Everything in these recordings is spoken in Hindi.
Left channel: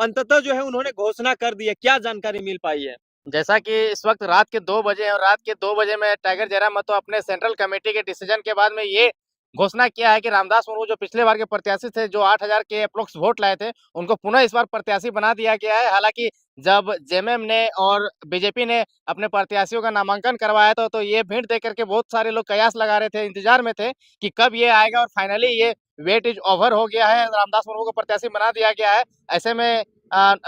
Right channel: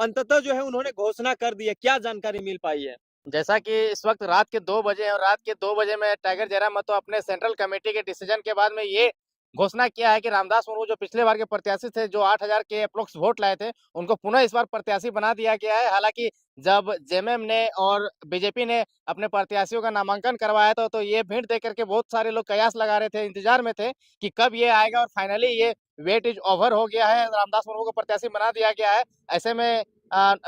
अंततः जो है उन्होंने घोषणा कर दी है, क्या जानकारी मिल पाई है? जैसा कि इस वक्त रात के 2 बजे हैं और रात के 2 बजे में टाइगर जयराम महतो अपने सेंट्रल कमेटी के डिसीजन के बाद में ये घोषणा किया है कि रामदास मुर्मू जो पिछले बार के प्रत्याशी थे, जो 8,000 के एप्रोक्स वोट लाए थे, उनको पुनः इस बार प्रत्याशी बना दिया गया है। हालाँकि जब जेएमएम ने और बीजेपी ने अपने प्रत्याशियों का नामांकन करवाया था, तो ये भीड़ देख कर के बहुत सारे लोग कयास लगा रहे थे, इंतजार में थे कि कब ये आएगा और फाइनली ये वेट इज़ ओवर हो गया है, रामदास मुर्मू को प्रत्याशी बना दिया गया है। ऐसे में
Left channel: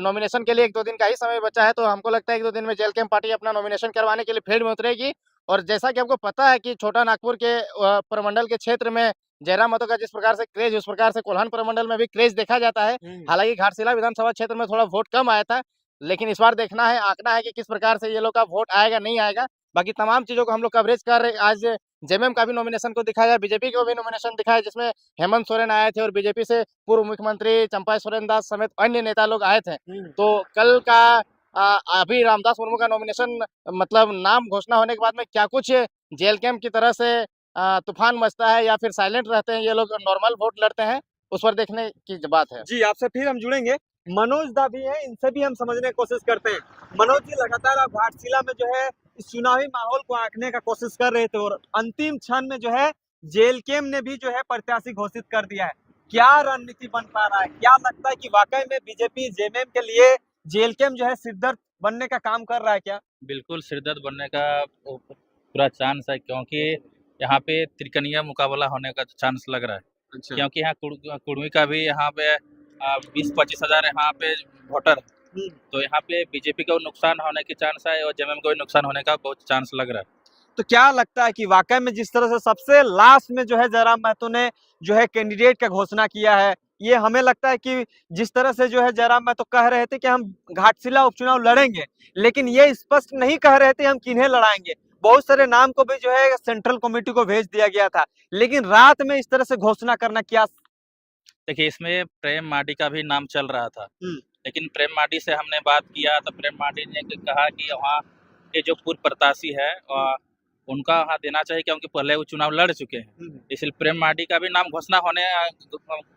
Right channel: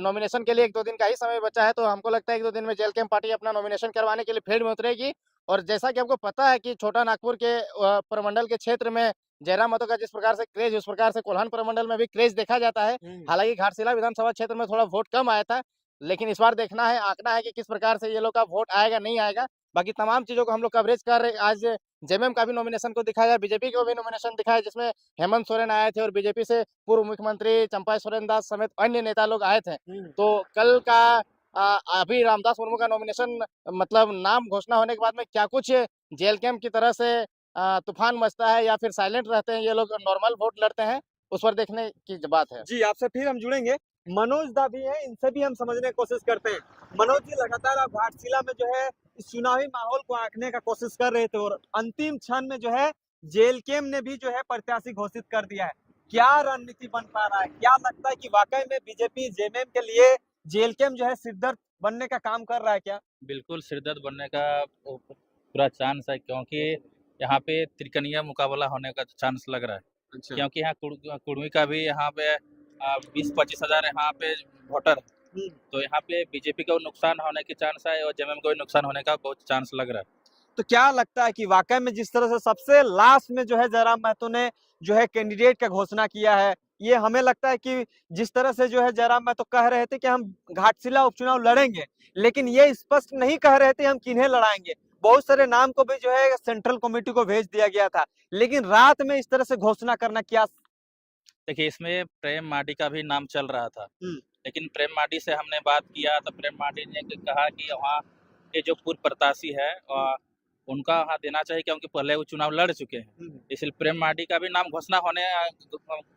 नॉमिनेशन के लिए 1-2 दिन का ही समय बचा है, तो हमको लगता है 1-2 दिन में जेल कैंप पार्टी अपना नॉमिनेशन करवाने के लिए फील्ड में उतरेगी। और जैसा कि हमको पता है कि छोटा नागपुर के प्रमंडल के क्षेत्र में जयराम महतो का जिस प्रकार से क्रेज़, उस प्रकार से कोल्हान प्रमंडल में भी क्रेज़ देखा जाता है। हालाँकि घाटशिला विधानसभा क्षेत्र में थोड़ा वोट कम आया था, लेकिन इस बार देखना है, आँकना है कि किस प्रकार से ये लोग का वोट आएगा, नहीं आएगा। बाकी तमाम चीज़ों को हम लोग कवरेज कर रहे हैं। आज जेएमएम का भी नॉमिनेशन को दिखाया, बीजेपी को भी नॉमिनेशन दिखाया, जिसमें हेमंत सोरेन आए थे और बीजेपी से पूर्व मुख्यमंत्री चंपा सोरेन दास समेत अन्य नेता लोग आए थे। तो कल का अभी रामदास मुर्मू का नॉमिनेशन मतलब नाम घोषणा होने के बाद में क्या कुछ जेल कैंप की तरह से तूफान मचता है या फिर साइलेंट रहते हैं ये लोग, नॉर्मल वोट लड़ते हैं, उस पर देखने की बात है। जी, आपसे फिर हम जुड़ेंगे। मनोज दा भी हैं, इनसे भी हम समझने की कोशिश करते हैं। मनोज जी, लगातार आप घाटशिला में जो है इस चुनावी माहौल को आंकने का कोशिश कर रहे थे और अंतिम क्षण में जो है जेएलकेम ने भी जो है प्रत्याशी घोषित कर दिया है। क्या रणनीति बन पा रहा है? क्या लगता है कि वाकई में बीजेपी जेएमएम के लिए जेएलकेम जो है सिरदर्द बनने का काम कर रहा है क्या? बिल्कुल सिरदर्द बनने का पूरा चांस है, क्योंकि यहाँ पे त्रिकनिया मुकाबला होने का चांस लग रहा है। अच्छा। क्योंकि यहाँ कुर्मी का भी यहाँ पे 20-25 हज़ार यहाँ पे वोटर है। तो यहाँ पे बीजेपी को नुकसान होने की चांस है और जेएमएम को भी नुकसान होने का बहुत चांस लग रहा है। तो क्या लगता है कि वाकई में जिस तरह से सबसे लास्ट में जो है जयराम महतो ने जो है कैंडिडेट का घोषणा किया है, ये हमें लगता है कि जिस तरह से जो है जयराम महतो कह रहे थे कि हम घाटशिला उपचुनाव लड़ेंगे, लेकिन ये स्पष्ट नहीं कह रहे थे हम किन्हें लड़ाएंगे। बहुत सारे नाम को भी जो है सेंट्रल कमेटी को भेज दिया गया था, लेकिन रात में इस तरह से घोषणा करना क्या? देखिए, इसमें प्रेम माडी का भी नाम चल रहा था, हम्म, लेकिन प्रेम माडी से हमने बात किया तो प्रेम माडी ने कहा कि वहाँ के जो पूर्व प्रत्याशी है उनका वहाँ देना चाहिए, क्योंकि पहले वो चुनाव लड़ चुके हैं। इसलिए प्रेम माडी का भी नाम घोषणा होने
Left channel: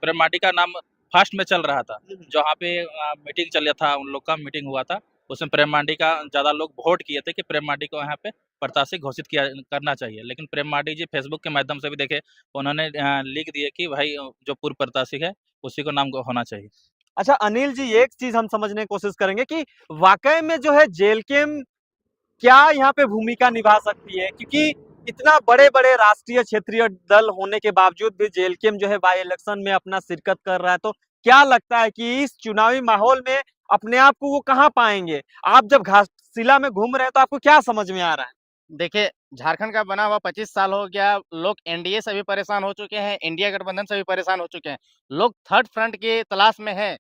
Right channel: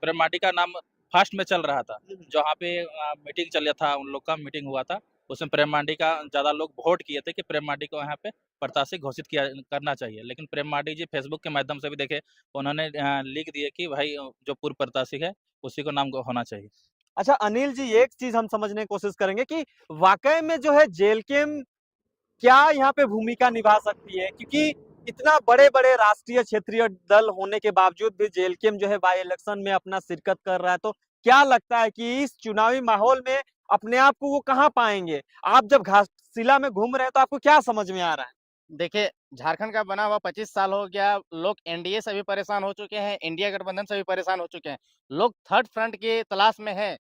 प्रेम माडी का नाम फर्स्ट में चल रहा था। जो वहाँ पे मीटिंग चल था, उन लोग का मीटिंग हुआ था, उसमें प्रेम माडी का ज़्यादा लोग वोट किए थे कि प्रेम माडी को यहाँ पे प्रत्याशी घोषित किया करना चाहिए। लेकिन प्रेम माडी जी फेसबुक के माध्यम से भी देखे, उन्होंने लिख दिए कि भाई जो पूर्व प्रत्याशी है उसी को नाम होना चाहिए। अच्छा अनिल जी, एक चीज हम समझने की कोशिश करेंगे कि वाकई में जो है जेएलकेम क्या यहाँ पे भूमिका निभा सकती है, क्योंकि इतना बड़े-बड़े राष्ट्रीय क्षेत्रीय दल होने के बावजूद भी जेएलकेम जो है बाई इलेक्शन में अपना शिरकत कर रहा है, तो क्या लगता है कि इस चुनावी माहौल में अपने आप को वो कहाँ पाएंगे? आप जब घाटशिला में घूम रहे हैं तो आपको क्या समझ में आ रहा है? देखिए, झारखंड का बना हुआ 25 साल हो गया, लोग एनडीए से भी परेशान हो चुके हैं, इंडिया गठबंधन से भी परेशान हो चुके हैं। लोग थर्ड फ्रंट की तलाश में हैं।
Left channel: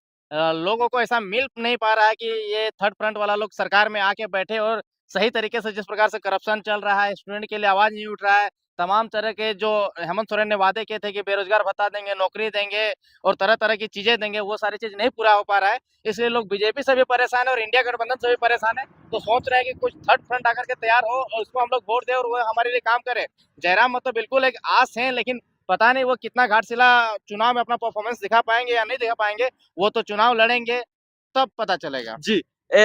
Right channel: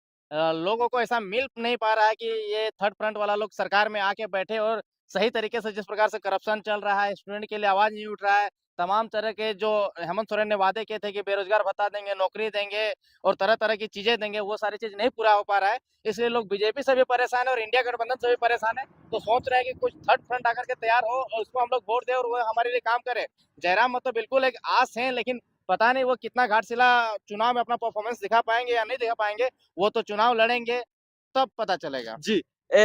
लोगों को ऐसा मिल नहीं पा रहा है कि ये थर्ड फ्रंट वाला लोग सरकार में आके बैठे और सही तरीके से जिस प्रकार से करप्शन चल रहा है, स्टूडेंट के लिए आवाज़ नहीं उठ रहा है, तमाम तरह के जो हेमंत सोरेन ने वादे किए थे कि बेरोज़गार भत्ता देंगे, नौकरी देंगे और तरह-तरह की चीज़ें देंगे, वो सारी चीज़ नहीं पूरा हो पा रहा है। इसलिए लोग बीजेपी से भी परेशान है और इंडिया गठबंधन से भी परेशान है। तो सोच रहे हैं कि कुछ थर्ड फ्रंट आकर के तैयार हो और उसको हम लोग वोट दें और वो हमारे लिए काम करे। जयराम मतलब बिल्कुल एक आस हैं, लेकिन पता नहीं वो कितना घाटशिला चुनाव में अपना परफॉर्मेंस दिखा पाएँगे या नहीं दिखा पाएँगे। वो तो चुनाव लड़ेंगे, तब पता चलेगा। जी।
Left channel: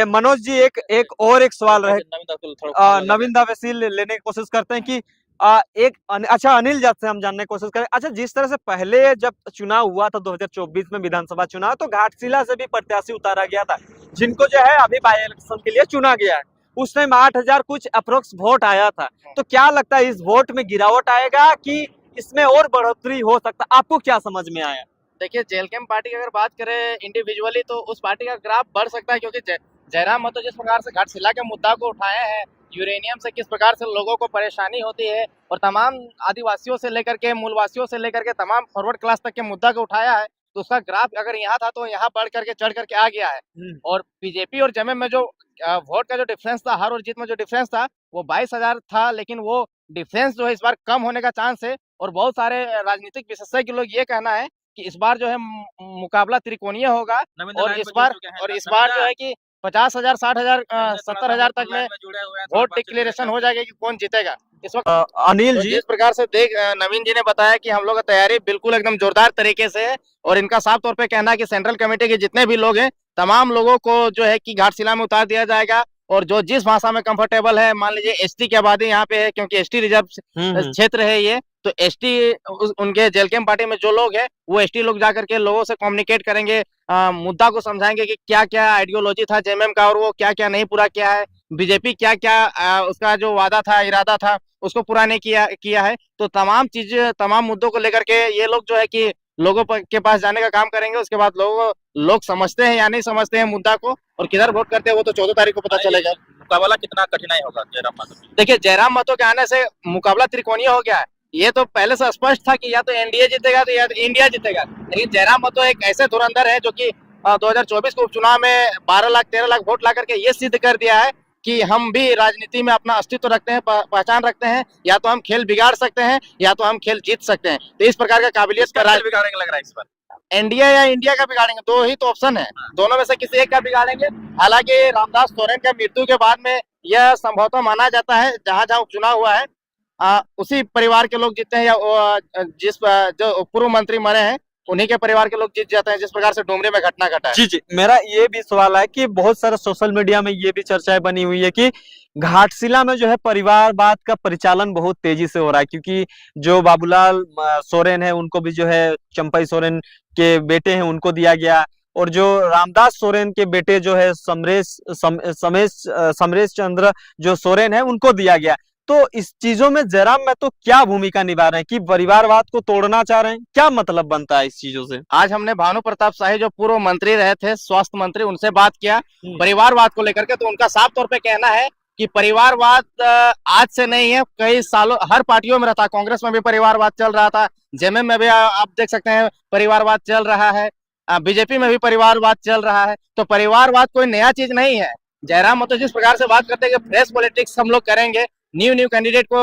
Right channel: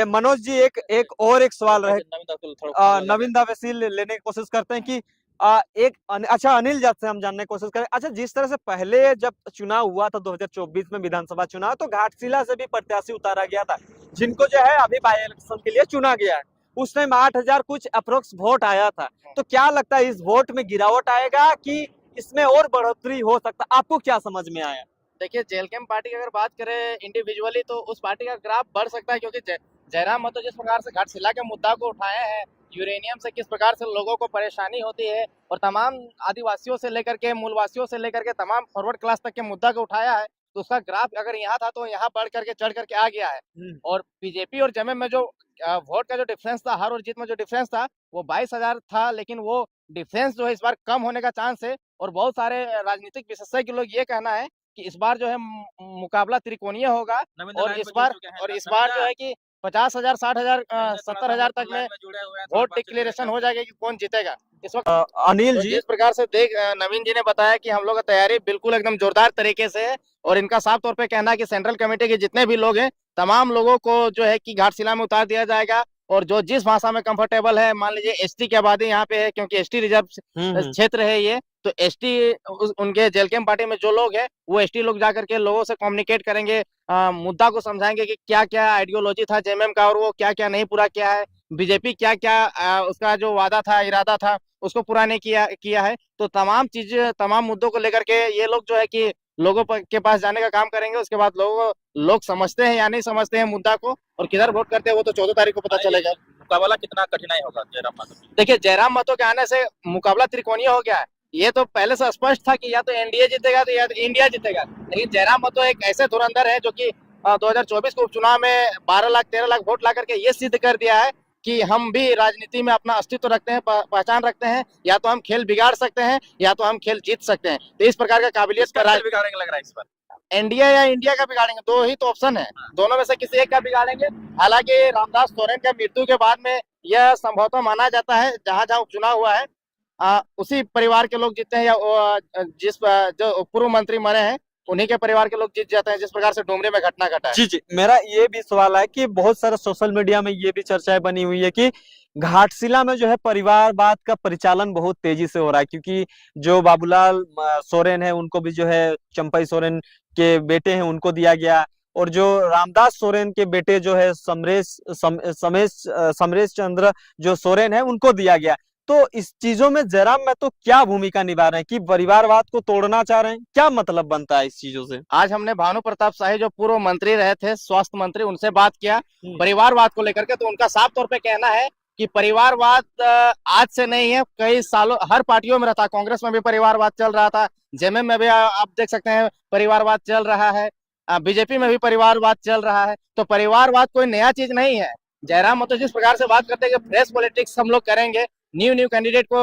मनोज जी, एक सवाल रहे। नवीन दा वैसी लेने की कोशिश करते हैं कि अच्छा अनिल जब से हम जानने की कोशिश करें। अच्छा, जिस तरह से पहले जब चुनाव हुआ था 2024 में विधानसभा चुनाव, तो घाटशिला से भी प्रत्याशी उतारा गया था, जिनको जो है अभी बाई इलेक्शन के लिए चुना गया है। उस टाइम 8,000 कुछ अप्रोक्स वोट आया था। तो क्या लगता है इस वोट में गिरावट आएगा कि इसमें और बढ़ोतरी हो सकता है? आपको क्या समझ में आया? देखिए, जेल कैंप पार्टी की अगर बात करें इंडिविजुअली तो उस पार्टी का ग्राफ बढ़ सकता है, क्योंकि जयराम महतो जिस प्रकार से घाटशिला के मुद्दा को उठाए हैं, यूरेनियम से किस प्रकार से लोगों को परेशानी होती है और तमाम आदिवासियों से लेकर के मूलवासियों से लेकर के तमाम फॉरवर्ड क्लास तक के मुद्दा को उठाया है, तो उसका ग्राफ अगर यहाँ था तो यहाँ बढ़ करके चढ़ करके आ गया है। और बीजेपी और जेएमएम में जो वोट का जो डिफरेंस था, हार और जीत में जो डिफरेंस था, वो 22,000 था, लेकिन वो डिफरेंस जो है इस बार कम होने का चांस है। और बहुत सारे राजनीतिक विशेषज्ञ लोग ये कहना है कि इस बार जो है मुकाबला त्रिकोणीय होगा और इस बार जो है कि 50,000, 60,000, 70,000 तक में वोट डिक्लेरेशन हो जाएगा कि कौन जीतेगा। इस वक्त अनिल तो जी, जिस प्रकार से नवीन जी ने बताया कि हम लोग का तैयारी बिल्कुल एकदम जोरदार तरीके से है और इनका साफ तौर पे कहना है कि सेंट्रल कमेटी के जितने भी लोग हैं तमाम लोगों को जो है कि घाटशिला में उतार दिया जाएगा और जो जिस भाषा में कंफर्टेबल है, मान लीजिए एसटी की आबादी यहाँ पे है क्योंकि एसटी रिजर्व क्षेत्र है ये, तो एसटी उनके जेल कैंप पार्टी में जो लोग हैं वो एसटी लोग जाकर के लोगों से कम्युनिकेट करेंगे, मुद्दा को समझाएंगे कि क्या क्या आइडियोलॉजी था जेएमएम का और वो क्या क्या नहीं पूरा किया है, बीजेपी क्या क्या उसका जो वादा था, इरादा था, उसको पूरा नहीं किया है। तो तमाम चीजें, तमाम मुद्दों को लेकर के ये लोग जो है कि लोगों के पास जाने का काम करेंगे। उसके बाद लोग समझते हैं या नहीं समझते हैं मुद्दा को और किधर वोट करते हैं वो तो 14 तारीख को पता चलेगा। मुकाबला कितना कठिनाई होगा जयराम महतो? देखिए, जयराम महतो के आने से मुकाबला त्रिकोणीय हो गया है। ये तो पहले से स्पष्ट था कि या तो एनडीए जीतेगा तो या तो इंडिया जीतेगा, लेकिन जयराम महतो एक ऐसे धुरंधर है जो कि 2024 के उपचुनाव में 12 लाख 13 लाख वोट ला करके ये सिद्ध कर दिया है कि हम भी राजनीति में अपना अस्तित्व रखते हैं, पहचान रखते हैं, या तो हम खेल बिगाड़ सकते हैं या तो हम खेल जीत सकते हैं। तो इस प्रकार का काबिलियत का राज बिगाड़ेंगे लग रहा है इस बार। एनडीए या इंडिया का बिगाड़ेंगे, दो ही तो ऑप्शन है, दोनों में से किसी एक का बिगाड़ेंगे। हालांकि रामदास सोरेन के मृत्यु के बाद में यह संभवतः माना जाता है जहां जहां उपचुनाव हुआ है उसी परिवार के लोग जीते हैं या जो पूर्व मंत्री मरे हैं उन्हीं के परिवार के लोग जीत जाते हैं, जिस प्रकार से डुमरी में घटना घटा है। जी जी, मेरा ये भी सवाल है कि बहुत सारा सोशल मीडिया में ये भी चर्चाएं बनी हुई है कि घाटशिला में जो है परिवारवाद का परिचालन बहुत तेजी से हो रहा है, क्योंकि जो बाबूलाल सोरेन है उनको भी जो है चंपई सोरेन के बेटे हैं उनको दिया गया, और जो रामदास सोरेन के बेटे जो है समरेश चंद्र जो सोरेन है उनको दिया गया। तो इस चीजों में जयराम महतो क्या भूमिका निभा रहे हैं कि परिवारवाद को तोड़ना चाह रहे हैं, क्या मतलब बनता है इस चीजों से? आज हमने भानु प्रताप शाही जो पूर्व मंत्री रहे थे, स्वास्थ्य मंत्री, उनसे बात किया परिवारवाद को लेकर के, तो उनका साफ तौर पे कहना है कि परिवारवाद आज से नहीं है, कई सालों हर पार्टियों में रहता। कांग्रेस में भी परिवारवाद चल रहा था, जेएमएम में भी आप देख सकते हैं परिवारवाद चल रहा है, बीजेपी में भी परिवारवाद चल रहा है। तो परिवारवाद कोई नया चीज नहीं है। जयराम महतो जिस प्रकार से बात करते हैं कि फ्रेश पॉलिटिक्स हम लोग करेंगे, न्यू कैंडिडेट को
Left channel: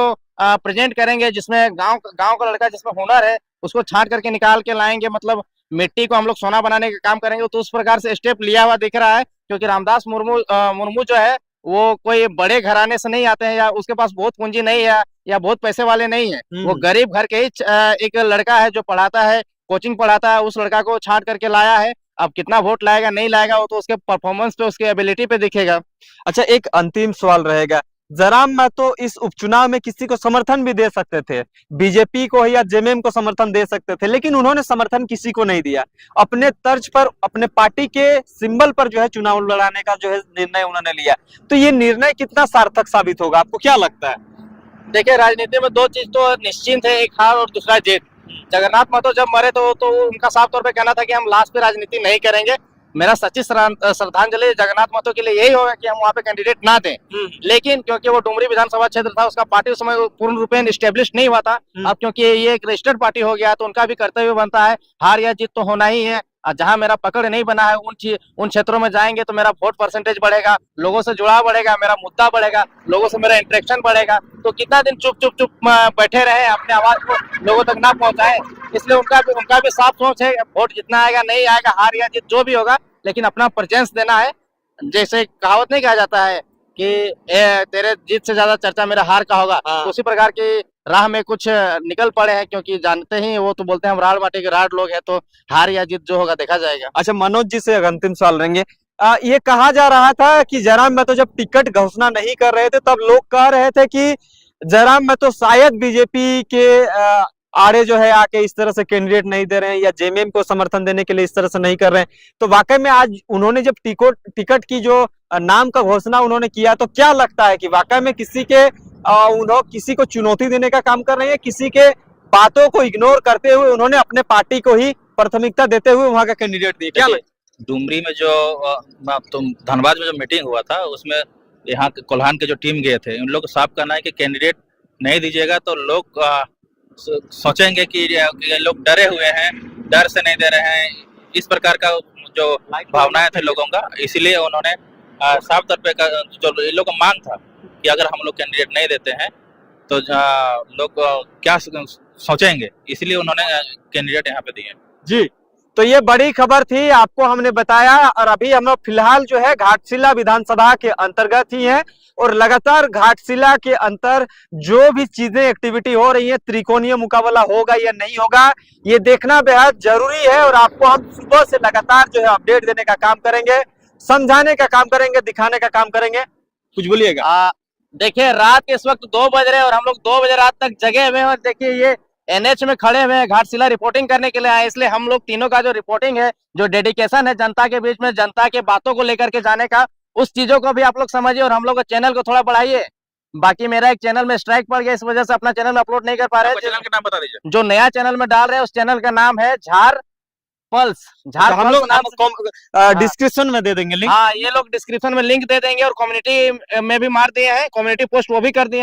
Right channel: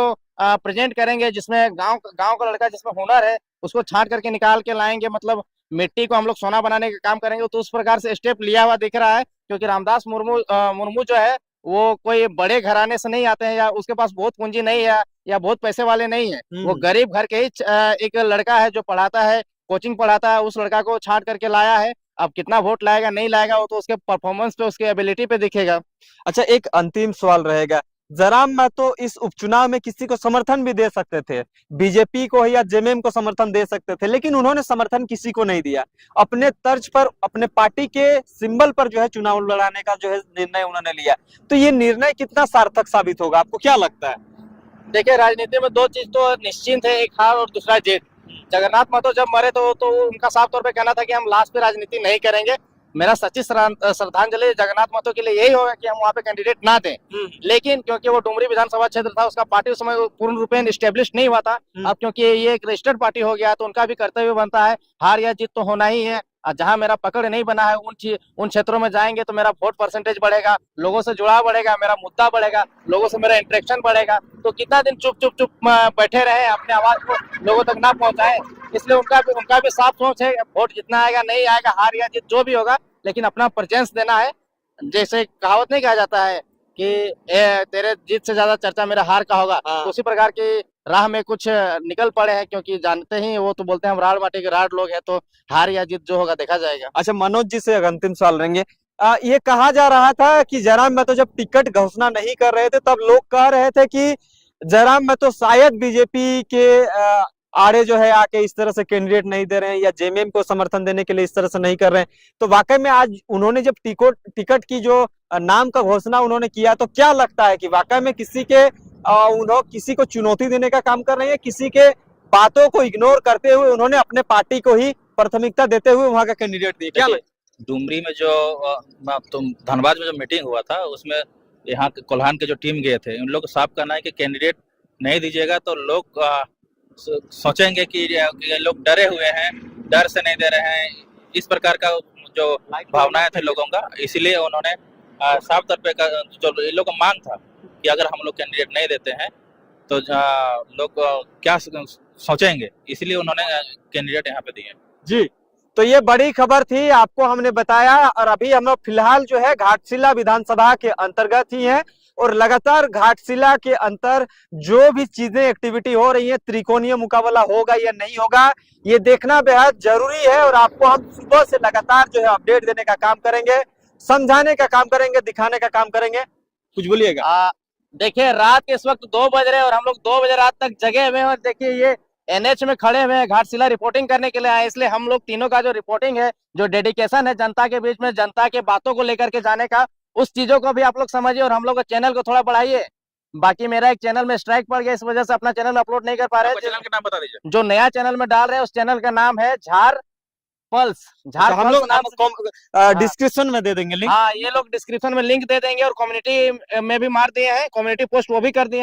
प्रेजेंट करेंगे जिसमें गांव का लड़का जिसमें हुनर है उसको छांट करके निकाल के लाएंगे, मतलब मिट्टी को हम लोग सोना बनाने का काम करेंगे। तो उस प्रकार से स्टेप लिया हुआ दिख रहा है, क्योंकि रामदास मुर्मू जो है वो कोई बड़े घराने से नहीं आते हैं या उसके पास बहुत पूंजी नहीं है या बहुत पैसे वाले नहीं है। वो गरीब घर के ही एक लड़का है जो पढ़ाता है, कोचिंग पढ़ाता है, उस लड़का को छांट करके लाया है। अब कितना वोट लाएगा नहीं लाएगा वो तो उसके परफॉर्मेंस पे, उसके एबिलिटी पे दिखेगा। अच्छा, एक अंतिम सवाल रहेगा, जयराम महतो इस उपचुनाव में किसी को समर्थन भी दे सकते थे, बीजेपी को या जेएमएम को समर्थन दे सकते थे, लेकिन उन्होंने समर्थन किसी को नहीं दिया। अपने तर्ज पर, अपने पार्टी के सिंबल पर जो है चुनाव लड़ाने का जो है निर्णय उन्होंने लिया। तो ये निर्णय कितना सार्थक साबित होगा, आपको क्या लगता है? देखिए, राजनीति में दो चीज तो निश्चिंत है, एक हार और दूसरा जीत। जगन्नाथ महतो जब मरे तो उनका साफ तौर पे कहना था कि हम लास्ट पे राजनीति नहीं करेंगे। मेरा सच्ची श्रद्धांजलि जगन्नाथ महतो के लिए यही होगा कि हम वहाँ पे कैंडिडेट ना दें, लेकिन क्योंकि वो डुमरी विधानसभा क्षेत्र था, उसका पार्टी उस समय पूर्ण रूपेण स्टेब्लिश नहीं हुआ था। अब क्योंकि ये एक रजिस्टर्ड पार्टी हो गया तो उनका भी कर्तव्य बनता है, हार या जीत तो होना ही है। जहां मेरा पकड़ नहीं बना है उन क्षेत्रों में जाएंगे तो मेरा वोट परसेंटेज बढ़ेगा, लोगों से जुड़ाव बढ़ेगा, मेरा मुद्दा बढ़ेगा, लोगों से मेरा इंटरेक्शन बढ़ेगा। तो कितना दिन चुप बैठे रहे, अपने आवाज को लोगों तक ना पहुंचाए। इसलिए उनका भी साफ सोच है, वोट जितना आएगा नहीं आएगा, हार या जीत जो भी होगा, लेकिन अपना प्रेजेंस देना है। जैसे कहावत नहीं कहा जाता है कि तेरे जीत से ज्यादा चर्चा मेरा हार का होगा, तो उसी प्रकार की राह में कुछ निकल पड़े हैं, क्योंकि जानते ही वो तो बोलते हैं हम राड़ बाटे के राड़ लोग हैं, तो हार या जीत जो होगा देखा जाएगा। अच्छा, मनोज जी से अंतिम सवाल रहेंगे। ये कहा जा रहा था कि जयराम महतो जब टिकट घोषणा नहीं कर रहे थे तब लोग कह रहे थे कि जयराम महतो शायद बीजेपी के आड़े जो है आके इस तरह से कैंडिडेट नहीं दे रहे हैं या जेएमएम को समर्थन देने के लिए इस तरह से नहीं कर रहे हैं। तो वाकई में आज उन्होंने जब टिकट की जो नाम का घोषणा उन्होंने किया, तो क्या लगता है कि वाकई में किसी को चुनौती देने का काम कर रहे हैं, किसी के बातों को इग्नोर करते हुए उन्होंने अपने पार्टी को ही प्राथमिकता देते हुए वहां का कैंडिडेट दिया? क्या डुमरी में जो धनबाद में जो मीटिंग हुआ था उसमें यहाँ कोल्हान के जो टीम गए थे, उन लोग को साफ करना है कि कैंडिडेट नहीं दीजिएगा तो लोग सोचेंगे कि ये लोग डरे हुए हैं, डर से नहीं दे रहे हैं, इस प्रकार का जो भावनाएं थे लोगों का। इसीलिए उन्होंने साफ तौर पे जो ये लोग का मांग था कि अगर हम लोग कैंडिडेट नहीं देते हैं तो लोग क्या सोचेंगे, इसलिए उन्होंने कैंडिडेट यहाँ पे दिए। जी, तो ये बड़ी खबर थी, आपको हमने बताया। और अभी हम लोग फिलहाल जो है घाटशिला विधानसभा के अंतर्गत ही है, और लगातार घाटशिला के अंतर जो भी चीजें एक्टिविटी हो रही है, त्रिकोणीय मुकाबला होगा या नहीं होगा, ये देखना बेहद जरूरी है। और आपको हम सुबह से लगातार जो है अपडेट देने का काम करेंगे, समझाने का काम करेंगे, दिखाने का काम करेंगे। कुछ बोलिएगा। देखिए, रात के इस वक्त 2 बज रहे हैं और हम लोग 2 बजे रात तक जगे हुए हैं। और देखिए, ये एनएच में खड़े हुए हैं, घाटशिला रिपोर्टिंग करने के लिए आए। इसलिए हम लोग तीनों का जो रिपोर्टिंग है, जो डेडिकेशन है जनता के बीच में, जनता के बातों को लेकर के जाने का, उस चीजों को भी आप लोग समझिए और हम लोग का चैनल को थोड़ा बढ़ाइए। बाकी मेरा एक चैनल में स्ट्राइक पड़ गया, इस वजह से अपना चैनल में अपलोड नहीं कर पा रहे हैं। चैनल का नाम बता दीजिए। जो नया चैनल में डाल रहे हैं उस चैनल का नाम है झार पल्स। झार हम लोग नाम से डिस्क्रिप्शन में दे देंगे लिंक। हाँ, ये लोग डिस्क्रिप्शन में लिंक दे देंगे और कम्युनिटी में भी मार दिए हैं, कम्युनिटी पोस्ट वो भी कर दिए हैं।